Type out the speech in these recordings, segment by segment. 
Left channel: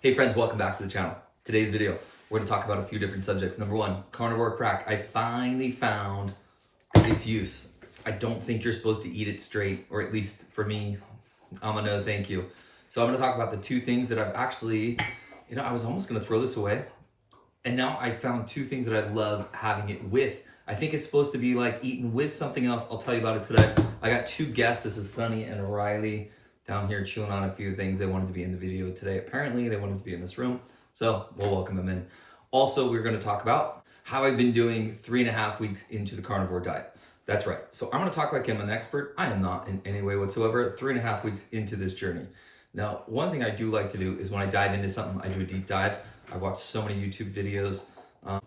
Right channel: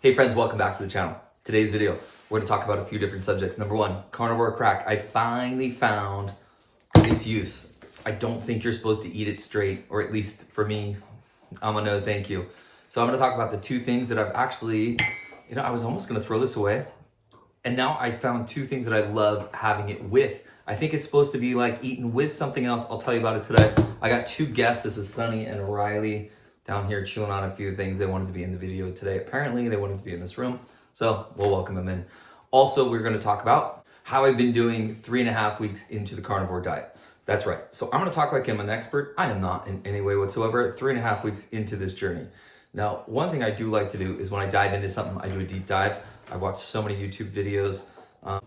Hey friends, welcome back to the channel. Today's video, we're going to talk about a few different subjects. Number one, carnivore crack. I finally found its use. I don't think you're supposed to eat it straight, or at least for me, I'm a no thank you. So I'm going to talk about the two things that I've actually, I was almost going to throw this away. And now I found two things that I love having it with. I think it's supposed to be like eaten with something else. I'll tell you about it today. I got two guests. This is Sunny and Riley down here chewing on a few things. They wanted to be in the video today. Apparently they wanted to be in this room. So we'll welcome them in. Also, we're going to talk about how I've been doing 3.5 weeks into the carnivore diet. That's right. So I'm going to talk like I'm an expert. I am not in any way whatsoever. 3.5 weeks into this journey. Now, one thing I do like to do is when I dive into something, I do a deep dive. I watch so many YouTube videos.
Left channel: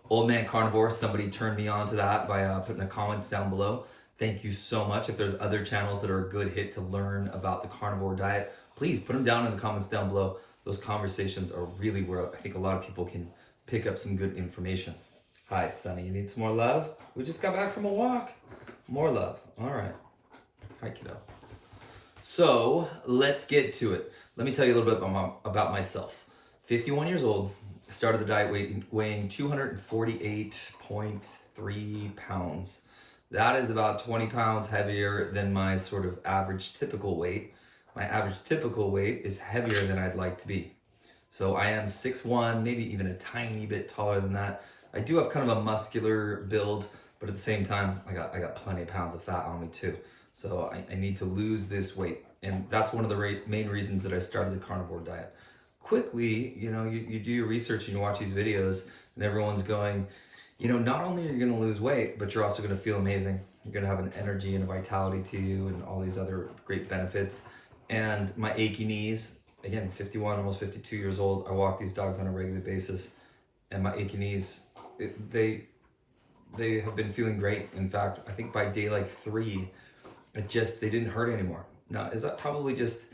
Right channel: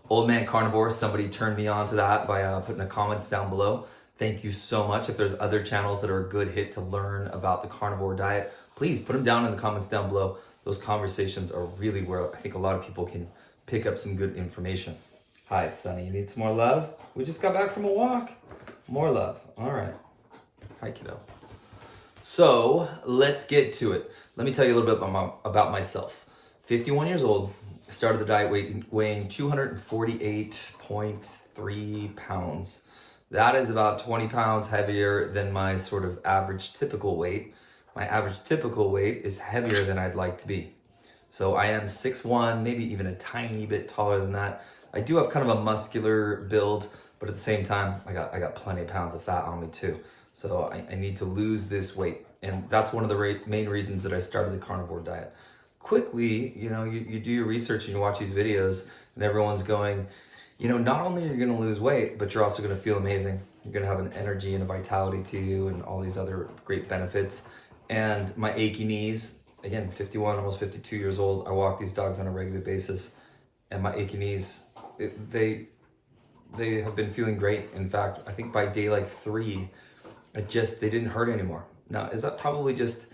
Old Man Carnivore, somebody turned me on to that by putting the comments down below. Thank you so much. If there's other channels that are a good hit to learn about the carnivore diet, please put them down in the comments down below. Those conversations are really where I think a lot of people can pick up some good information. Hi, Sunny, you need some more love? We just got back from a walk. More love. All right. Hi, kiddo. So let's get to it. Let me tell you a little bit about myself. 51 years old, started the diet weighing 248.3 pounds. That is about 20 pounds heavier than my sort of average typical weight. My average typical weight is heavier than I'd like to be. So I am 6'1", maybe even a tiny bit taller than that. I do have kind of a muscular build, but at the same time, I got plenty of pounds of fat on me too. So I need to lose this weight. And that's one of the main reasons that I started the carnivore diet. Quickly, you do your research and you watch these videos and everyone's going, not only are you going to lose weight, but you're also going to feel amazing. You're going to have an energy and a vitality to you and all these other great benefits. And my achy knees, again, 51, almost 52 years old, I walk these dogs on a regular basis. And my achy knees, they have been feeling great. In fact, I think by day like 3, they didn't hurt anymore. Now, is that probably just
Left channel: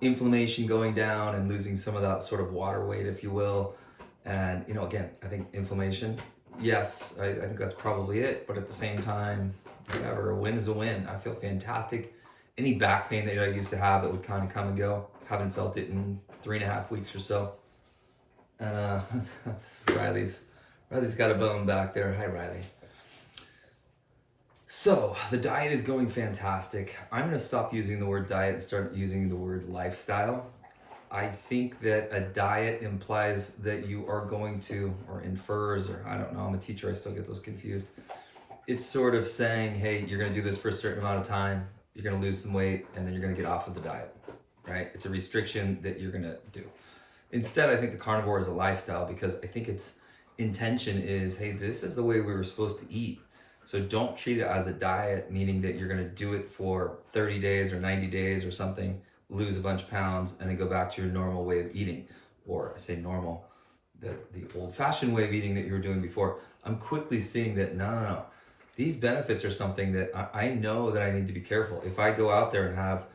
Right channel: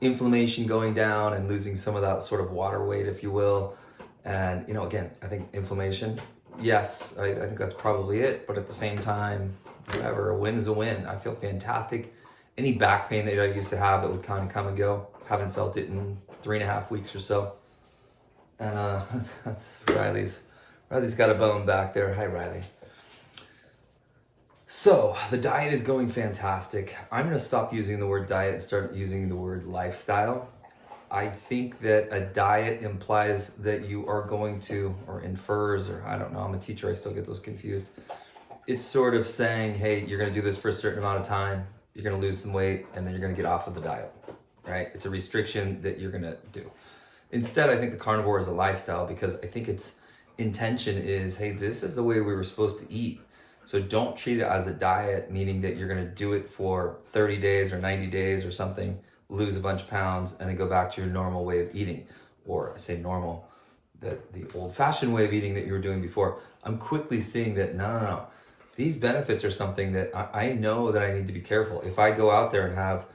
inflammation going down and losing some of that sort of water weight, if you will? And, again, I think inflammation, yes, I think that's probably it. But at the same time, whatever, a win is a win. I feel fantastic. Any back pain that I used to have that would kind of come and go, haven't felt it in 3.5 weeks or so. And that's Riley's got a bone back there. Hi, Riley. So the diet is going fantastic. I'm going to stop using the word diet and start using the word lifestyle. I think that a diet implies that you are going to, or infers, or I don't know, I'm a teacher, I still get those confused. It's sort of saying, hey, you're going to do this for a certain amount of time, you're going to lose some weight, and then you're going to get off of the diet, right? It's a restriction that you're going to do. Instead, I think the carnivore is a lifestyle because I think its intention is, hey, this is the way we were supposed to eat. So don't treat it as a diet, meaning that you're going to do it for 30 days or 90 days or something, lose a bunch of pounds, and then go back to your normal way of eating. Or I say normal, the old-fashioned way of eating that you were doing before. I'm quickly seeing that, no. These benefits are something that I know that I need to be careful. If I go out there and have,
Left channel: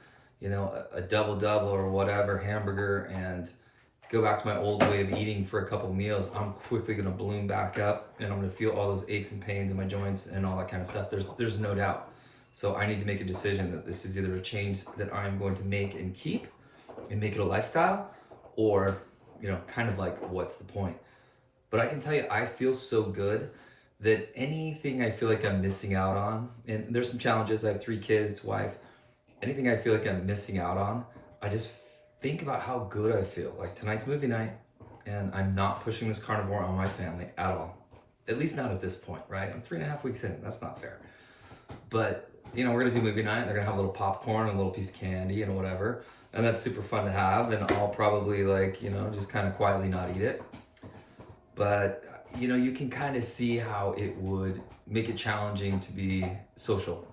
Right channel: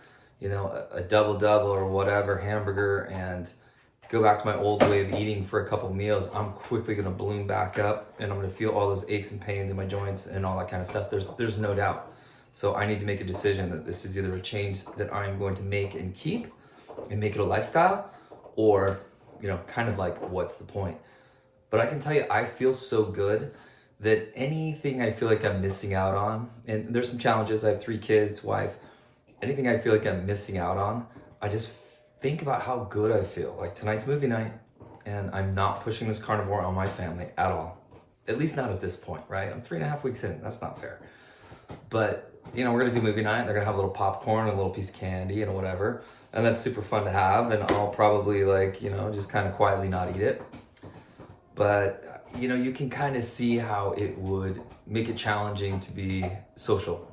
a double-double or whatever, hamburger, and go back to my old way of eating for a couple meals, I'm quickly going to balloon back up and I'm going to feel all those aches and pains in my joints and all that kind of stuff. There's no doubt. So I need to make a decision that this is either a change that I'm going to make and keep and make it a lifestyle, or, kind of like, what's the point? But I can tell you, I feel so good that anything I feel like I'm missing out on, and there's some challenges, I have 3 kids, wife, anything I feel like I'm missing out on, I just think about how good I feel. Like tonight's movie night, and I'm not pushing this carnivore on my family at all. At least not at this point, right? I'm 3.5 weeks in. That's not fair. But, we're going to do movie night. They're going to have a little popcorn and a little piece of candy and whatever. And that's super fun to have. And I'll probably just kind of quietly not eat it. But, you can kind of see how it would make it challenging to be social,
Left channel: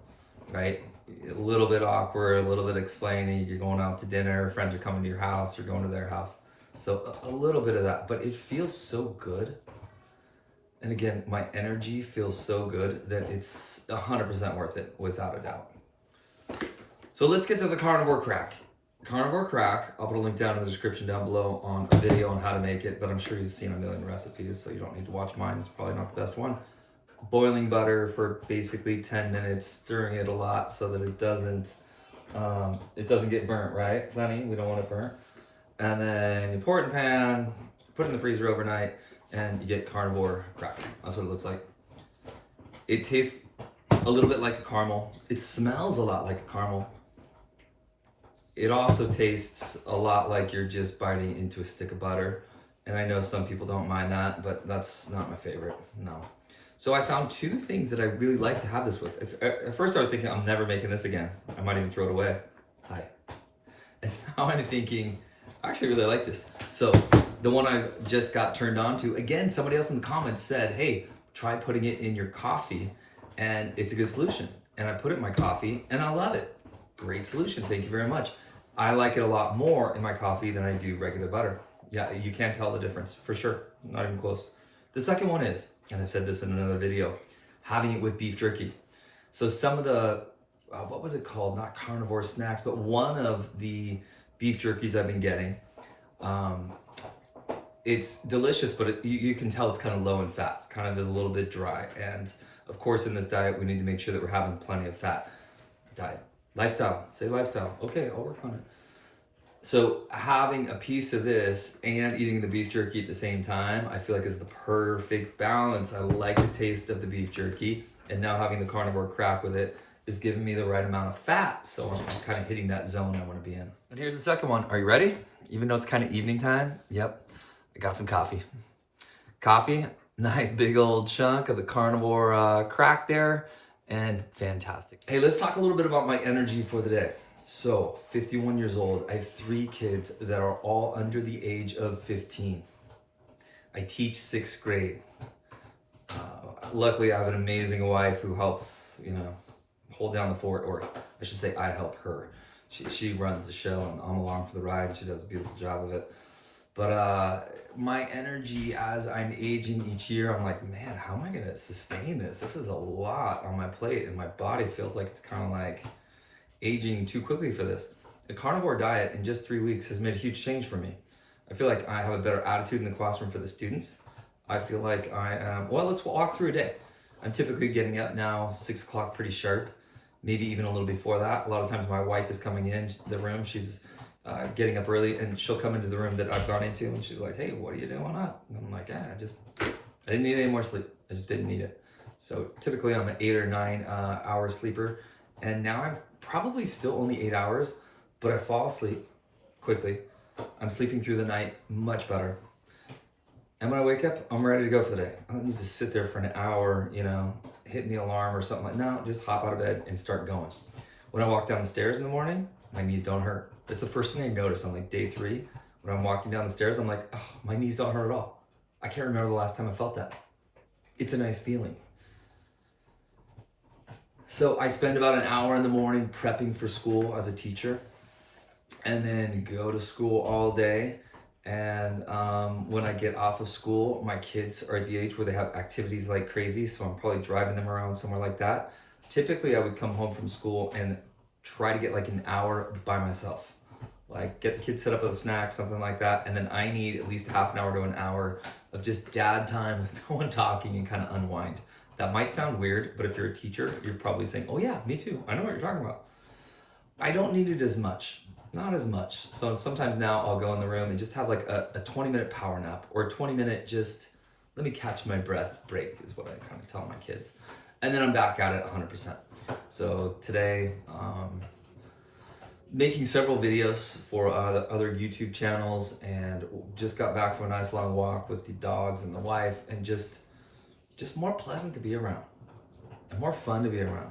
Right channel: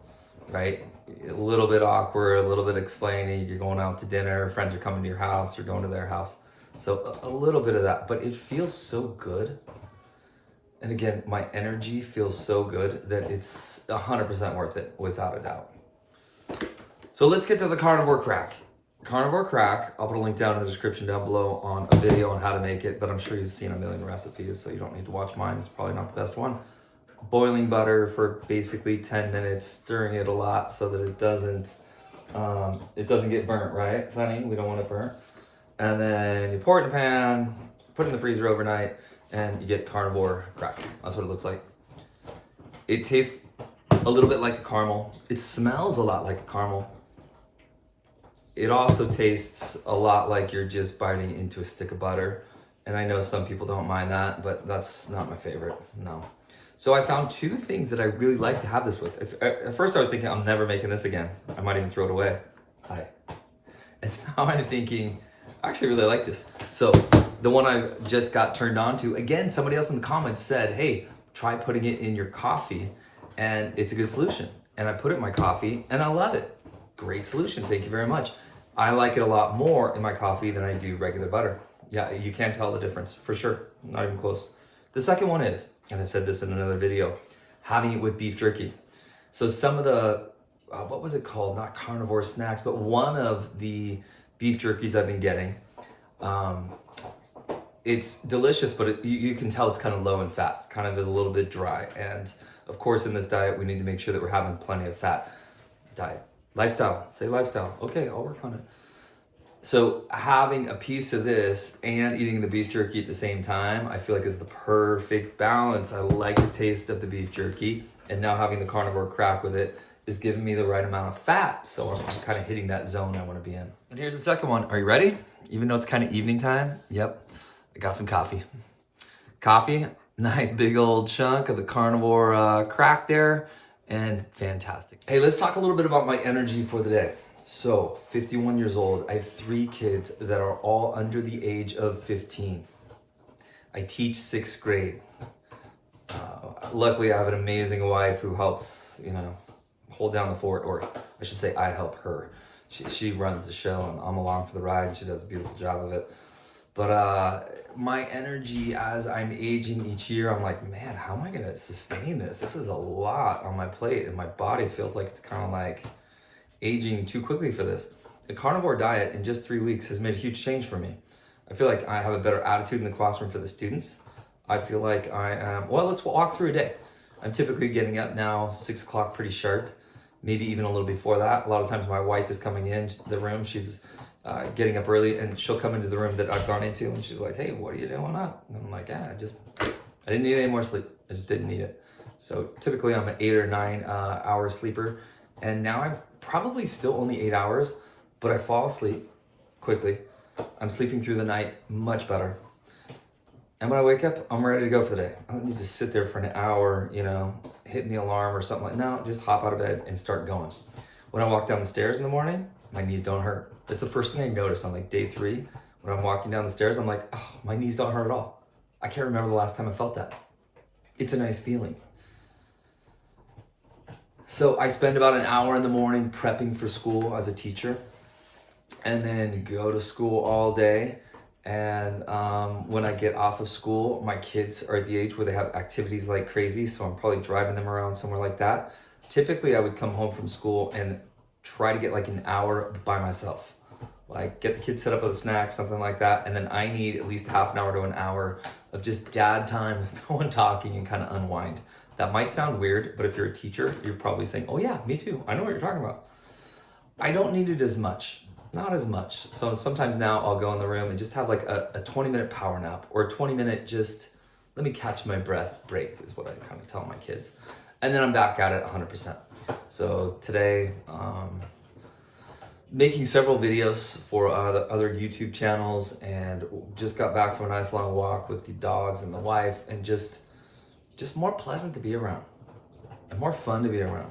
right? A little bit awkward, a little bit explaining, you're going out to dinner, friends are coming to your house, you're going to their house. So a little bit of that, but it feels so good. And again, my energy feels so good that it's 100% worth it, without a doubt. So let's get to the carnivore crack. Carnivore crack, I'll put a link down in the description down below on a video on how to make it, but I'm sure you've seen a million recipes, so you don't need to watch mine. It's probably not the best one. Boiling butter for basically 10 minutes, stirring it a lot so that it doesn't get burnt, right, Sunny? We don't want it burnt. and then you pour it in a pan, put it in the freezer overnight, and you get Carnivore crack. That's what it looks like. It tastes a little bit like a caramel. It smells a lot like a caramel. It also tastes a lot like you're just biting into a stick of butter. And I know some people don't mind that, but that's not my favorite, no. So I found two things that I really like to have this with. At first I was thinking, I'm never making this again. I might even throw it away. Hi. And now I'm thinking, I actually really like this. So the one I just got turned on to, again, somebody else in the comments said, hey, try putting it in your coffee and it's a good solution. And I put it in my coffee and I love it. Great solution, thank you very much. I like it a lot more in my coffee than I do regular butter. Yeah, you can't tell the difference, for sure, not even close. The second one is, and I said this in another video, having it with beef jerky. So some of the, what was it called? Not carnivore snacks, but one of the beef jerkies I've been getting, it's delicious, but you can tell it's kind of low in fat, kind of a little bit dry. And of course, in this diet, we need to make sure that we're having plenty of fat. Diet. Lifestyle, say lifestyle. Okay, I'll work on it. So having a piece of this and eating the beef jerky at the same time, I feel like is the perfect balance. I like the taste of the beef jerky, and now having the Carnivore crack with it is giving me the right amount of fat. So I'm kind of hitting that zone I want to be in. And here's the second one. Are you ready? Even though it's kind of evening time, yep, I got some coffee. Coffee, nice big old chunk of the Carnivore crack there, and fantastic. Hey, let's talk a little bit about my energy for the day. So, 51 years old, I have 3 kids that are all under the age of 15. I teach 6th grade. Luckily, I have an amazing wife who helps, hold down the fort, or I should say I help her. She runs the show and I'm along for the ride and she does a beautiful job of it. But my energy as I'm aging each year, I'm like, man, how am I gonna sustain this? This is a lot on my plate and my body feels like it's kind of like aging too quickly for this. The Carnivore diet in just 3 weeks has made a huge change for me. I feel like I have a better attitude in the classroom for the students. I feel like I am, well, let's walk through a day. I'm typically getting up now 6 o'clock pretty sharp, maybe even a little before that. A lot of times my wife is coming in the room, she's getting up early and she'll come into the room that I've gone into and she's like, hey, what are you doing up? And I'm like, I didn't need any more sleep. I just didn't need it. So typically I'm an 8 or 9 hour sleeper, and now I'm probably still only 8 hours, but I fall asleep quickly. I'm sleeping through the night much better. And when I wake up, I'm ready to go for the day. I don't need to sit there for an hour, hitting the alarm or something like that. No, just hop out of bed and start going. When I walk down the stairs in the morning, my knees don't hurt. That's the first thing I noticed on like day 3. When I'm walking down the stairs, I'm like, oh, my knees don't hurt at all. I can't remember the last time I felt that. It's a nice feeling. So I spend about an hour in the morning prepping for school as a teacher, and then go to school all day. And when I get off of school, my kids are at the age where they have activities like crazy, so I'm probably driving them around somewhere like that. Typically, I would come home from school and try to get like an hour by myself. Like get the kids set up with a snack, something like that, and then I need at least half an hour to an hour of just dad time with no one talking and kind of unwind. That might sound weird, but if you're a teacher, you're probably saying, oh yeah, me too. I know what you're talking about. I don't need it as much, not as much. So sometimes now I'll go in the room and just have like a 20-minute power nap or a 20-minute just, let me catch my breath break is what I kind of tell my kids. And then I'm back at it 100%. So today, making several videos for the other YouTube channels, and just got back from a nice long walk with the dogs and the wife, and just more pleasant to be around and more fun to be around.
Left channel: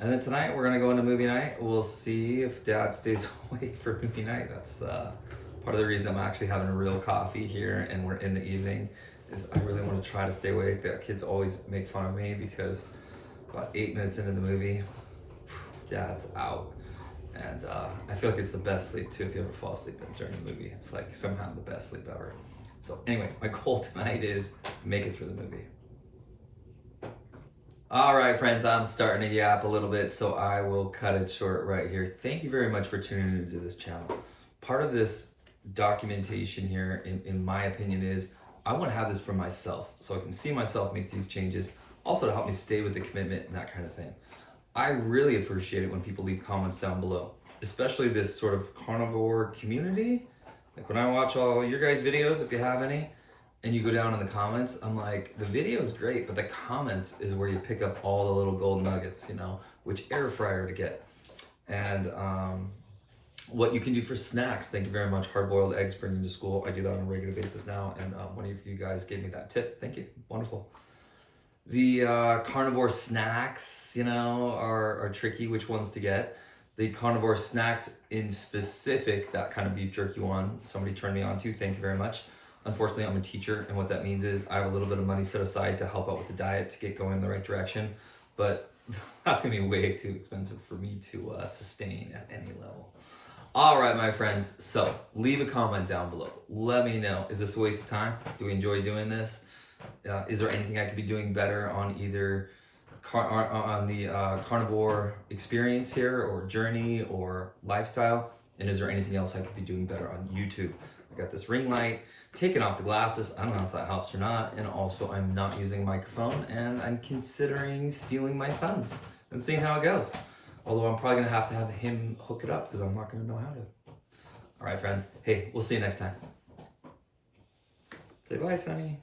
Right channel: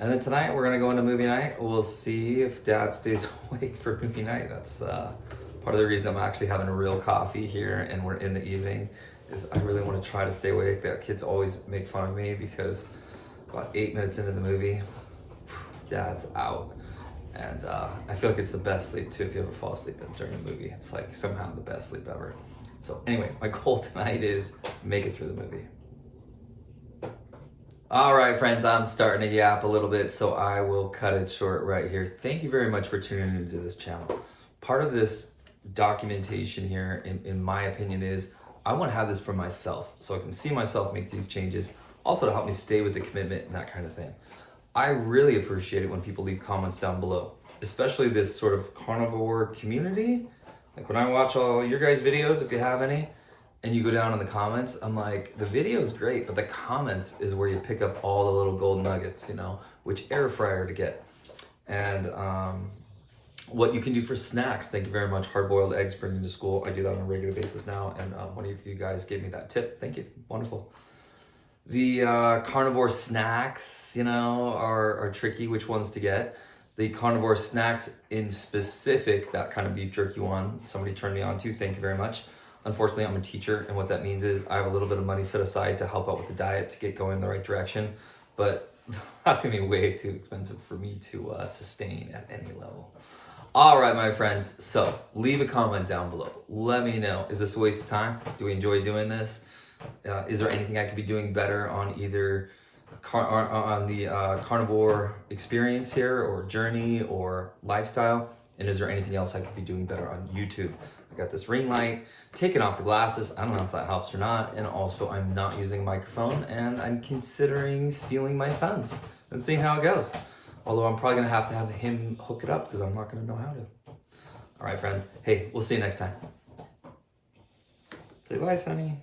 And then tonight we're gonna go into movie night. We'll see if dad stays awake for movie night. That's part of the reason I'm actually having a real coffee here and we're in the evening, is I really want to try to stay awake. The kids always make fun of me because about 8 minutes into the movie, dad's out. And I feel like it's the best sleep too if you ever fall asleep during a movie. It's like somehow the best sleep ever. So anyway, my goal tonight is make it through the movie. All right, friends, I'm starting to yap a little bit, so I will cut it short right here. Thank you very much for tuning into this channel. Part of this documentation here, in my opinion, is I want to have this for myself so I can see myself make these changes, also to help me stay with the commitment and that kind of thing. I really appreciate it when people leave comments down below, especially this sort of carnivore community. Like when I watch all your guys' videos, if you have any, and you go down in the comments, I'm like, the video is great, but the comments is where you pick up all the little gold nuggets, which air fryer to get. And what you can do for snacks. Thank you very much. Hard-boiled eggs bringing to school. I do that on a regular basis now, and one of you guys gave me that tip. Thank you. Wonderful. The carnivore snacks, are tricky, which ones to get. The carnivore snacks in specific, that kind of beef jerky one, somebody turned me on to. Thank you very much. Unfortunately, I'm a teacher, and what that means is I have a little bit of money set aside to help out with the diet to get going in the right direction, but that's gonna be way too expensive for me to sustain at any level. All right, my friends, so leave a comment down below. Let me know, is this a waste of time? Do we enjoy doing this? Is there anything I could be doing better on either on the carnivore experience here, or journey, or lifestyle? And is there anything else I could be doing better on YouTube? I got this ring light, taking off the glasses. I don't know if that helps or not. And also I'm not using a microphone, and I'm considering stealing my son's and seeing how it goes. Although I'm probably gonna have to have him hook it up because I'm not gonna know how to. All right, friends. Hey, we'll see you next time. Say bye, Sonny.